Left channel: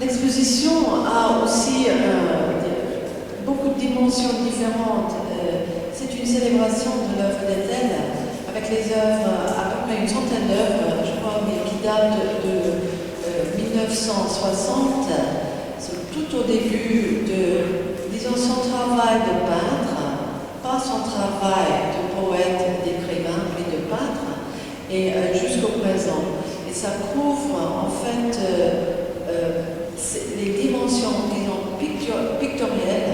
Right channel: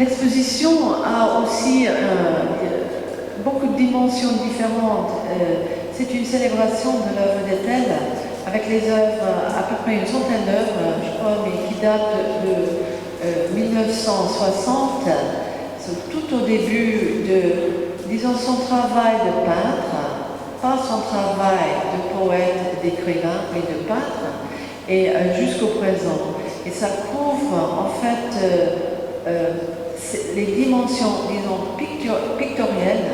L'exposition a aussi beaucoup de dimensions différentes. C'est une célébration de l'œuvre d'Ethel, avec les œuvres, à peu près une centaine d'œuvres, je crois, mais qui datent de 1960, tout au début de, disons, son travail de peintre, pas son travail de poète, d'écrivain, mais de peintre, et jusqu'au présent. Et ça couvre en fait les dimensions, disons, pictorielles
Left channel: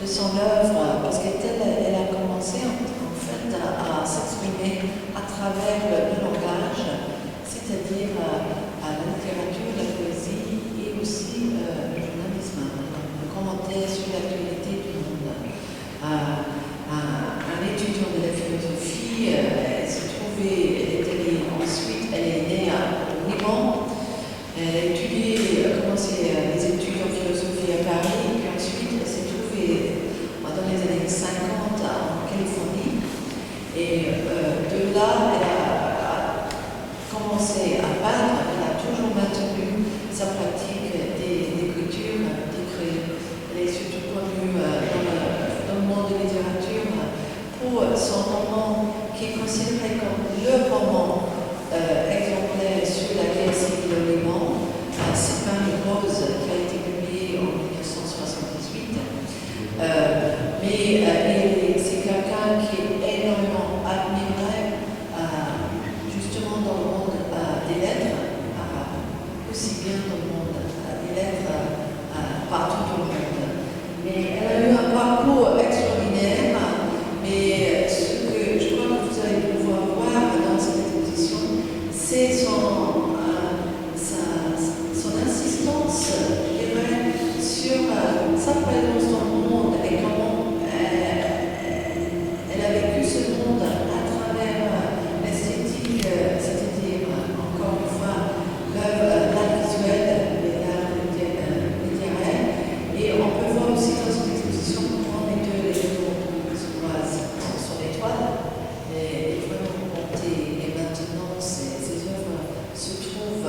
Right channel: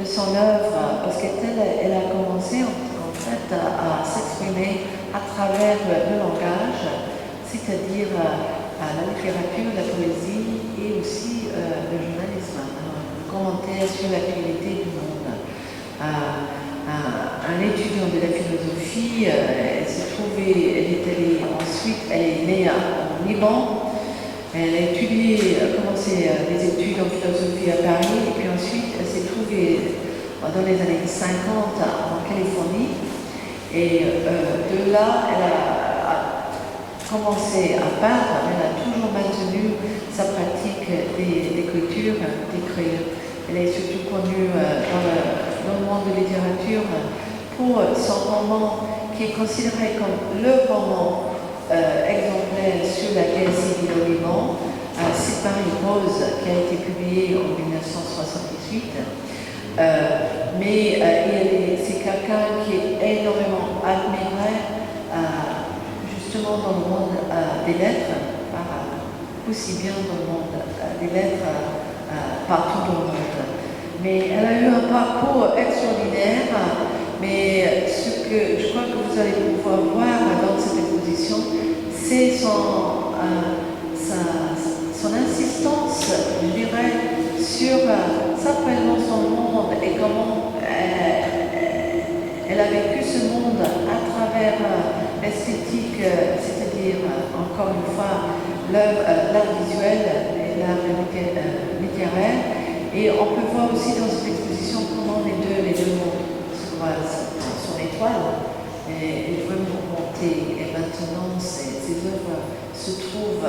de son œuvre, parce qu'elle a commencé en fait à s'exprimer à travers le langage, c'est-à-dire la littérature, la poésie et aussi le journalisme, un commentaire sur l'actualité du monde. Un étudiant de la philosophie, elle est née au Liban. Elle a commencé les études en philosophie à Paris, et puis ensuite elle s'est trouvée dans les années 50 en Californie. Et de là, elle a commencé à peindre, elle a toujours maintenu sa pratique d'écriture, d'écrire. Elle est surtout connue dans le monde de la littérature pour son roman qui est considéré comme le roman exemplaire sur la guerre civile au Liban, C'est Paris Rose, qui a été publié en 1978. C'est quelqu'un qui est énormément admiré, justement dans le monde des lettres, aussi bien dans le monde des lettres partout dans le monde. Mais elle a eu un parcours extraordinaire, mais ce que je crois que vous allez pouvoir voir dans cette exposition, c'est son insistance, je dirais, sur sa présence dans le monde et comment elle a vécu ce monde à travers l'esthétique, c'est-à-dire, encore une fois, l'art visuel et l'art littéraire. Et on peut voir aussi dans cette exposition comment les deux mondes se croisent. Son étoile est vraiment montée, et maintenant ces œuvres se trouvent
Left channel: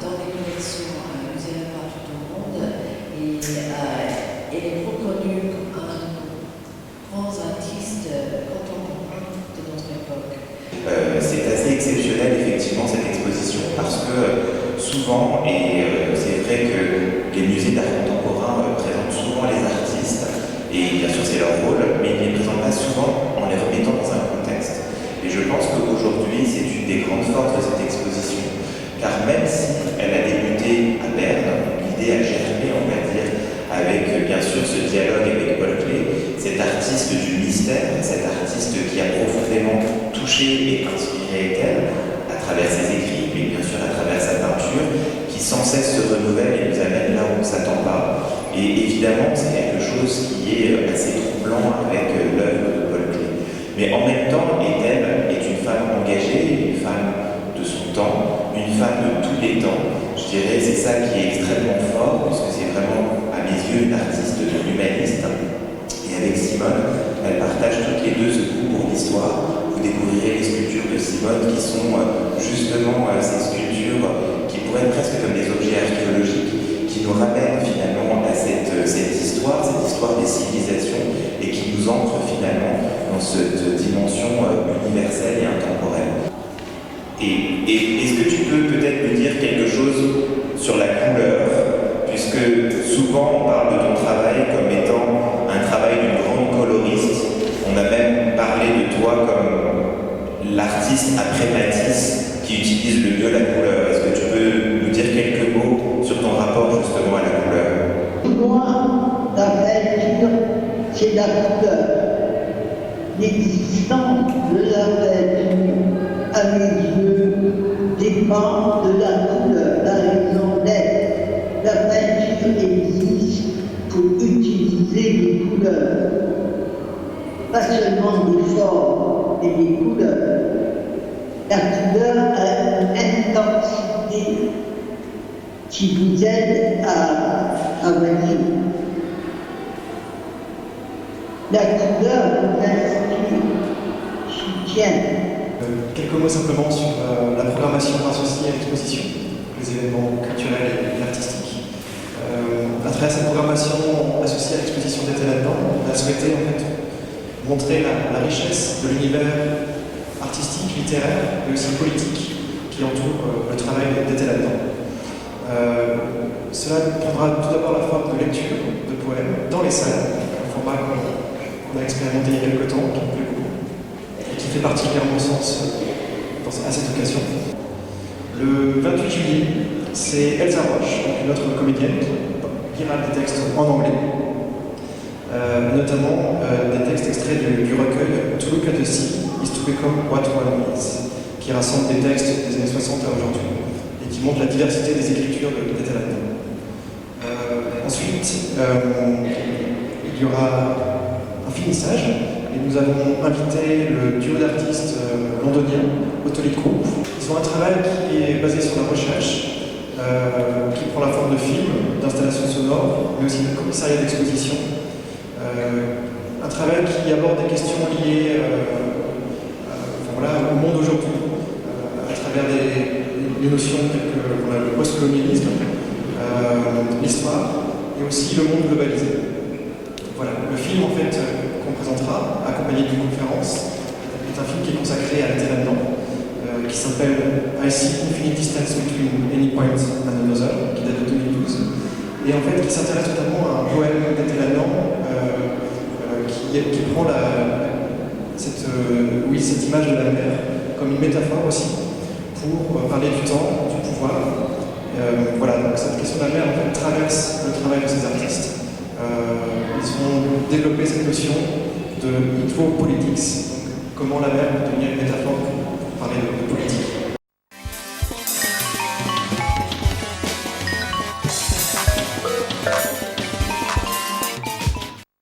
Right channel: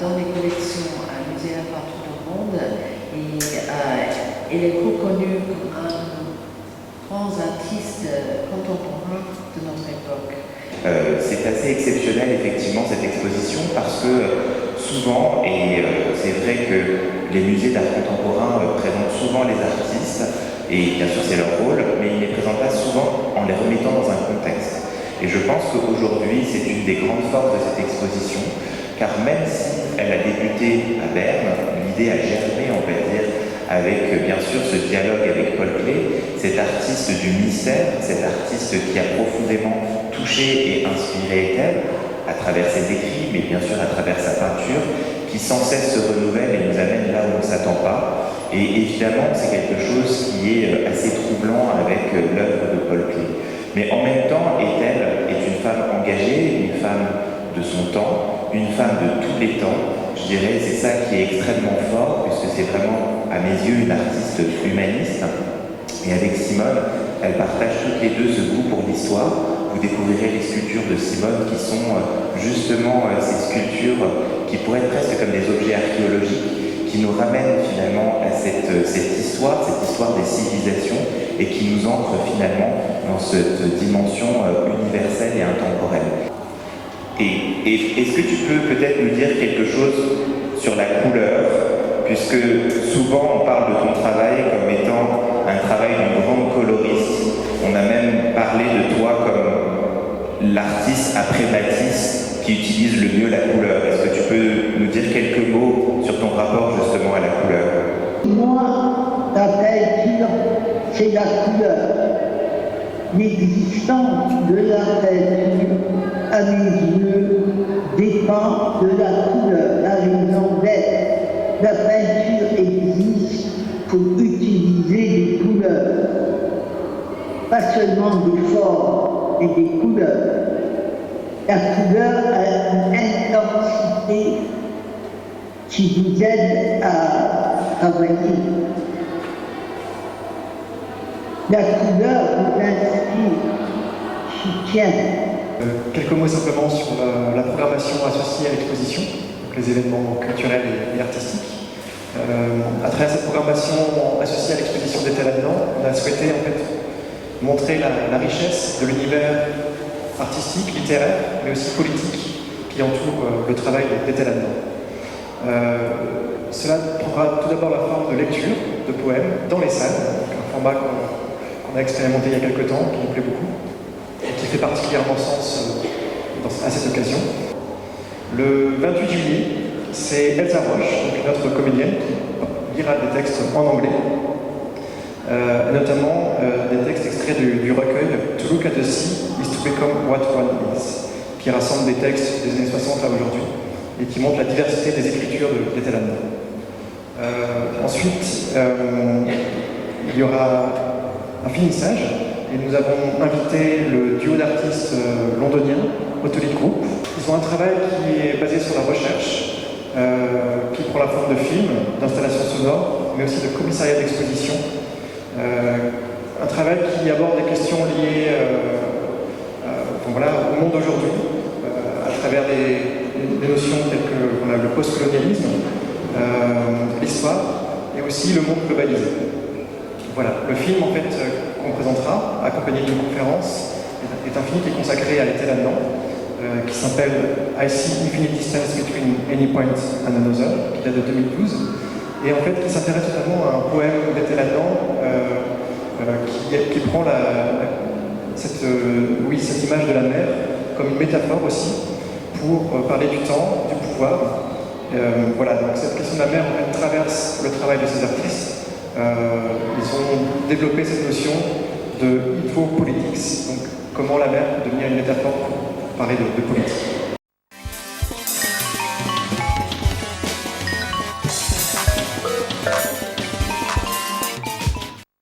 dans les collections à musées partout au monde, et elle est reconnue comme un grand artiste contemporain de notre époque. C'est assez exceptionnel effectivement cette exposition parce que souvent, et c'est vrai que les musées d'art contemporain présentent souvent les artistes, et bien sûr c'est leur rôle, mais ils ne les présentent pas souvent en les remettant dans un contexte. Et je pense qu'aujourd'hui c'est une des grandes forces de cette exposition, car même si elle a débuté à Berne, l'idée a germé, on va dire, avec bien sûr ce dialogue avec Paul Klee, cet artiste du mystère, cet artiste qui a profondément touché et inspiré Ethel à travers ses écrits, mais bien sûr à travers sa peinture, qui sans cesse se renouvelle et nous amène là où on ne s'attend pas. Et évidemment, c'est quelque chose qui est assez troublant avec l'œuvre de Paul Klee. Mais en même temps, Ethel est une femme engagée, une femme de son temps, une femme de tous les temps. Je dirais c'est ça qui est extrêmement fort, puisque c'est vraiment, à mes yeux, une artiste humaniste. Et avec Simone, elle partage toutes les deux ce goût pour l'histoire. Vous découvrirez les sculptures de Simone qui sont justement ces sculptures qui pourraient être presque comme des objets archéologiques, qui nous ramènent finalement à cette histoire des civilisations, et qui nous ancre finalement dans cette dimension universelle et intemporelle. Et est-ce que tu peux peut-être me dire quelque chose sur la couleur, puisque souvent on parle de ton travail comme étant un travail d'une grande coloriste. On a même parlé de toi comme l'artiste après Matisse qui utilise le mieux la couleur. Est-ce que tu peux nous dire quelques mots sur ton rapport justement à la couleur? Moi, la peinture, c'est la couleur. L'existence de la peinture, à mes yeux, dépend de la couleur, la raison d'être. La peinture existe pour utiliser les couleurs, pas seulement des formes et des couleurs. La couleur a une intensité qui vous aide à travailler. La couleur vous inspire, soutient. Quelques mots simplement sur la programmation associée à l'exposition. les événements culturels et artistiques. À travers cette programmation associée à l'exposition d'été là-dedans, on a souhaité en fait montrer la richesse de l'univers artistique, littéraire, mais aussi politique qui entoure le travail d'été là-dedans. Cela prendra tout d'abord la forme de lecture de poèmes dans les salles, donc un format qu'on a expérimenté il y a quelques temps, qui nous plaît beaucoup, et qui fait particulièrement sens à cette occasion. Le 28 juillet, c'est Elsa Roche, donc notre comédienne, qui lira des textes en anglais, notamment des textes extraits du recueil To Look at the Sea is to Become What One Is, qui rassemble des textes des années 60 à aujourd'hui et qui montre la diversité des écritures de Catalan. Ensuite, il y aura un finissage et nous avons invité le duo d'artistes londoniens, Autolic Group. Ils ont un travail qui est basé sur la recherche, qui prend la forme de films, d'installations sonores, mais aussi de commissariat d'exposition. Un travail qui aborde des questions liées au monde aujourd'hui, à travers des notions telles que le post-colonialisme, l'histoire, et aussi le monde globalisé. Voilà, le film en fait qu'on présentera, accompagné d'une conférence, est un film qui est consacré à l'été là-dedans, qui s'appelle I See Infinite Distance Between Any Point and Another, qui date de 2012, et en fait qui s'intéresse notamment à un poème d'été là-dedans, qui prend cette image de la mer comme une métaphore aussi, pour parler du temps, du pouvoir. Voilà, donc cette question de la mer en fait traverse le travail de ces artistes. Ils ont développé cette notion de hydropolitics, donc comment la mer peut devenir une métaphore pour parler de politique.